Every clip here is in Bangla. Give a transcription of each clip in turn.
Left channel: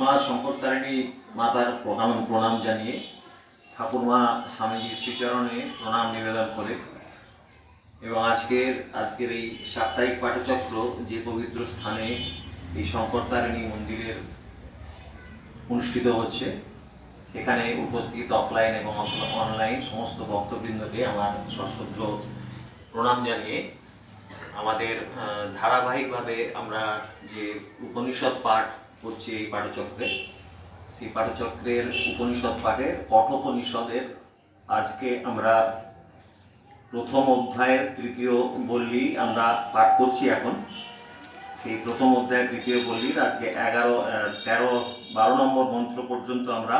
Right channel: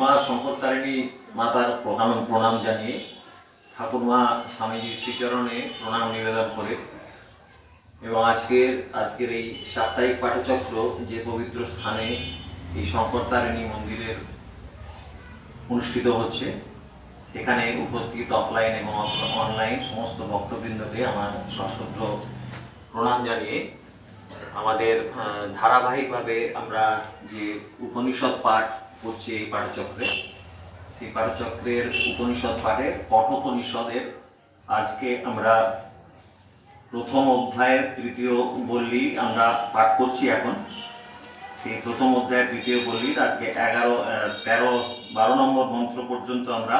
মা শঙ্করতারিণী মাতার প্রণাম প্রণাম জানিয়ে ঠাকুরমা স্বামীজির শ্রীচরণে প্রণাম নিবেদন করে। এবং আজকের আজকের এই সাপ্তাহিক পাঠচক্র যে পবিত্র স্থানে এই শঙ্করতারিণী মন্দিরের অনুষ্ঠিত হচ্ছে, সেখানে উপস্থিত অফলাইন এবং অনলাইন সমস্ত ভক্তবৃন্দকে আমার সশ্রদ্ধ প্রণাম জানিয়ে আমাদের ধারাবাহিকভাবে আমরা যে উপনিষদ পাঠ করছি এই পাঠচক্রে। সেই পাঠচক্রের উপনিষদ পাঠের কঠোপনিষদের আজকে আমরা প্রথম অধ্যায়ের তৃতীয় বললি আমরা পাঠ করছি এখন। সেই প্রথম অধ্যায়ের তৃতীয় বল্লীর আজকে এগারো তেরো, বারো নম্বর মন্ত্র পর্যন্ত আমরা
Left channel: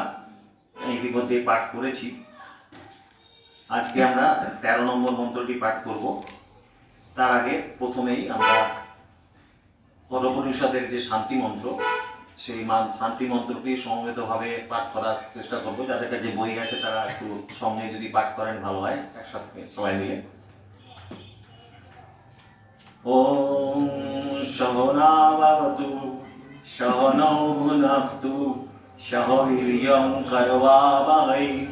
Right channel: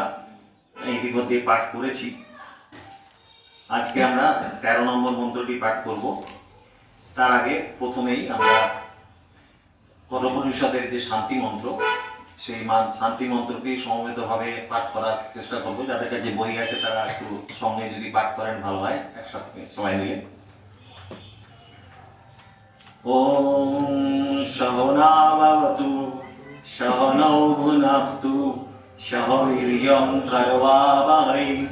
ইতিমধ্যে পাঠ করেছি। আজকে আমরা তেরো নম্বর মন্ত্রটি পাঠ করব। তার আগে প্রথমেই আমরা কঠোপনিষদের যে শান্তি মন্ত্র সেই মান শান্তি মন্ত্রকে সমবেত ভাবে পাঠ করার চেষ্টা করব। যাদের কাছে বই আছে, তারা একটু সঙ্গে যদি পাঠ করেন, ভালো হয়। একসাথে সবাই মিলে। ওম সহনা ভবতু করবাবহৈ,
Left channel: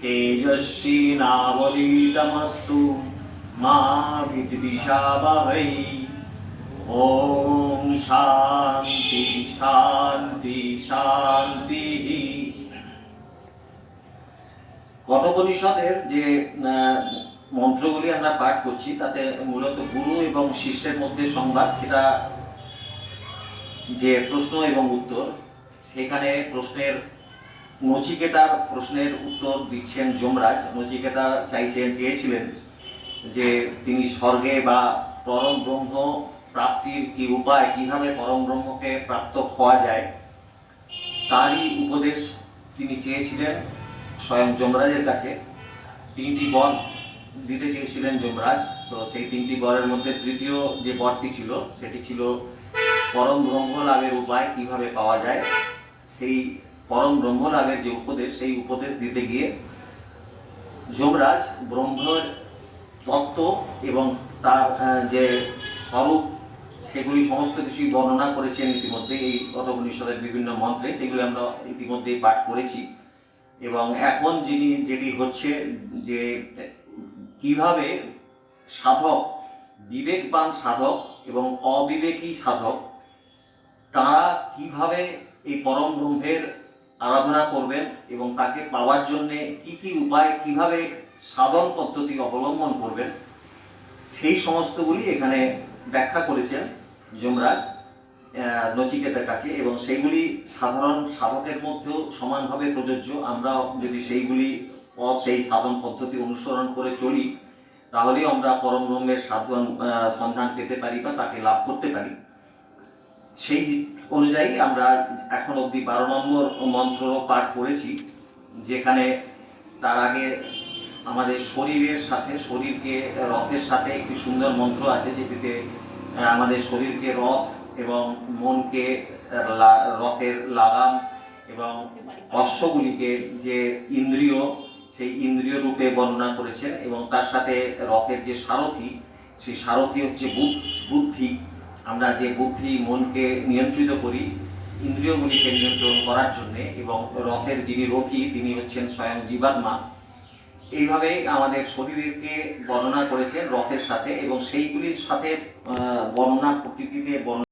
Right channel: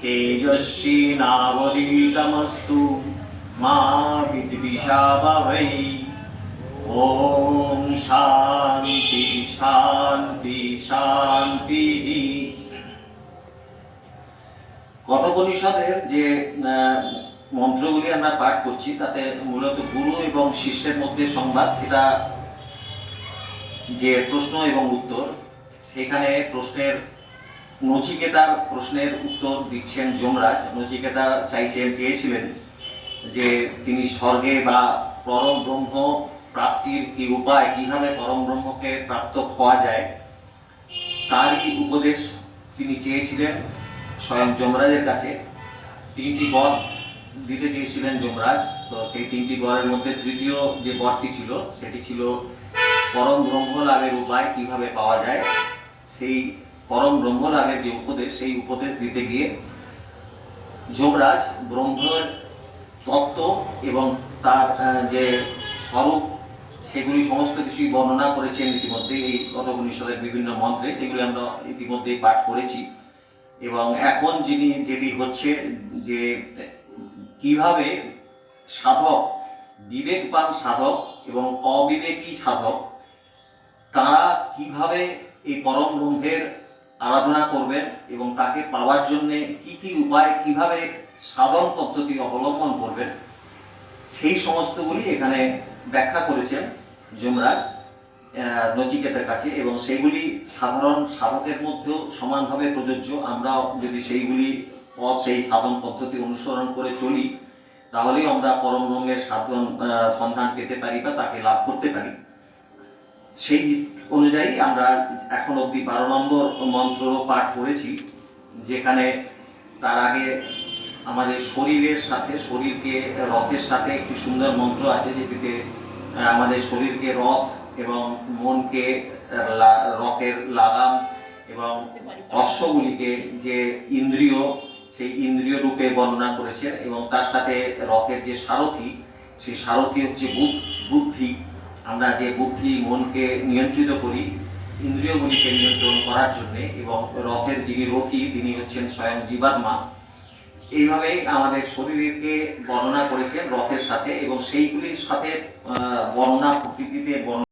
তেজস্বী নাবলীতমস্তু, মা বিদ্বিষাবহৈ। ওম শান্তি শান্তি শান্তি। কঠোপনিষদের যে মন্ত্রগুলি আমরা পাঠ করছি, তাতে মূলত গুরু এবং শিষ্যের মধ্যে সংবাদ, সেটা যে প্রশ্ন এবং উত্তর, সেখানে প্রশ্নের নচিকেতার প্রশ্নের উত্তর দিচ্ছেন যমরাজ। নচিকেতা চাইছেন, চেয়েছিলেন যে তিনি স্বর্গে বা পরম ব্রহ্ম প্রাপ্তির কি উপায়? কীভাবে পরম ব্রহ্মকে প্রাপ্ত হওয়া যায়? তারই উপদেশ তিনি চেয়েছিলেন স্বয়ং যমরাজের কাছে। তিনটি বর দিতে চেয়েছিলেন যমরাজ। তো সেই তিনটি বরের মধ্যে তৃতীয় যে বরটি ছিল, সেটি ছিল পরম ব্রহ্ম লাভের উপায় কীভাবে পাওয়া যায়? সেই পরম ব্রহ্ম লাভের যে উপদেশ, সেই উপদেশ দিতে গিয়ে যমরাজ ব্রহ্মের তত্ত্ব এবং তার যে স্বরূপ সেগুলি সমস্ত কিছুই বর্ণনা করেছেন ইতিমধ্যে এই কঠোপনিষদের বিভিন্ন মন্ত্রে, সেগুলি আমরা ইতিমধ্যেই পাঠ করেছি। এবং এখন যিনি, যেটি হচ্ছে যে কীভাবে সাধক, বিবেকবান সাধক এবং অবিবেকী সাধক, তারা কীভাবে এই পরম ব্রহ্মের আরাধনা করবেন এবং তাকে পাওয়ার জন্য কি কি উপায়, কীভাবে সাধন পদ্ধতি অবলম্বন করবেন, সেই সমস্তগুলি এখানে ব্যাখ্যা করেছেন। যমরাজ নচিকেতার কাছে এবং সেইগুলি সাধারণ সাধকের মধ্যেও সমানভাবে প্রযোজ্য। আমরা যদি সেইগুলি পথ সেই সাধন পদ্ধতি অনুসরণ করে চলি তাহলেও আমরা পরম ব্রহ্মের সাধন সন্ধান পেতে পারি বা তাকে লাভ করতে পারি। সেই অনুযায়ী আমরা এখন অবধি বারো নম্বর মন্ত্র পাঠ করেছি যেখানে তার আগে আমাদের শরীরের সাথে শরীরকে রথের সাথে একটি সুন্দর মন্ত্র আছে আহ, আমাদের শরীরকে রথ এবং মনকে রথের লাগাম এবং অশ্বগুলিকে যে ইন্দ্রিয়, সেই ইন্দ্রিয় রূপে বর্ণনা করেছেন এবং তার সাথে রথের যে সারথি, সেই সারথি হচ্ছে বুদ্ধি। আমরা যে বুদ্ধি মনকে নিয়ন্ত্রিত করি, ইন্দ্রিয়গুলিকে নিয়ন্ত্রণ করার জন্যে এবং রথের যিনি রথী, তিনি হচ্ছেন স্বয়ং জীবাত্মা। এইভাবে আমাদের শরীরকে বর্ণনা করেছেন রথের সাথে এবং সেইগুলির সাথে বর্ণনা প্রকৃতিতে বর্ণনা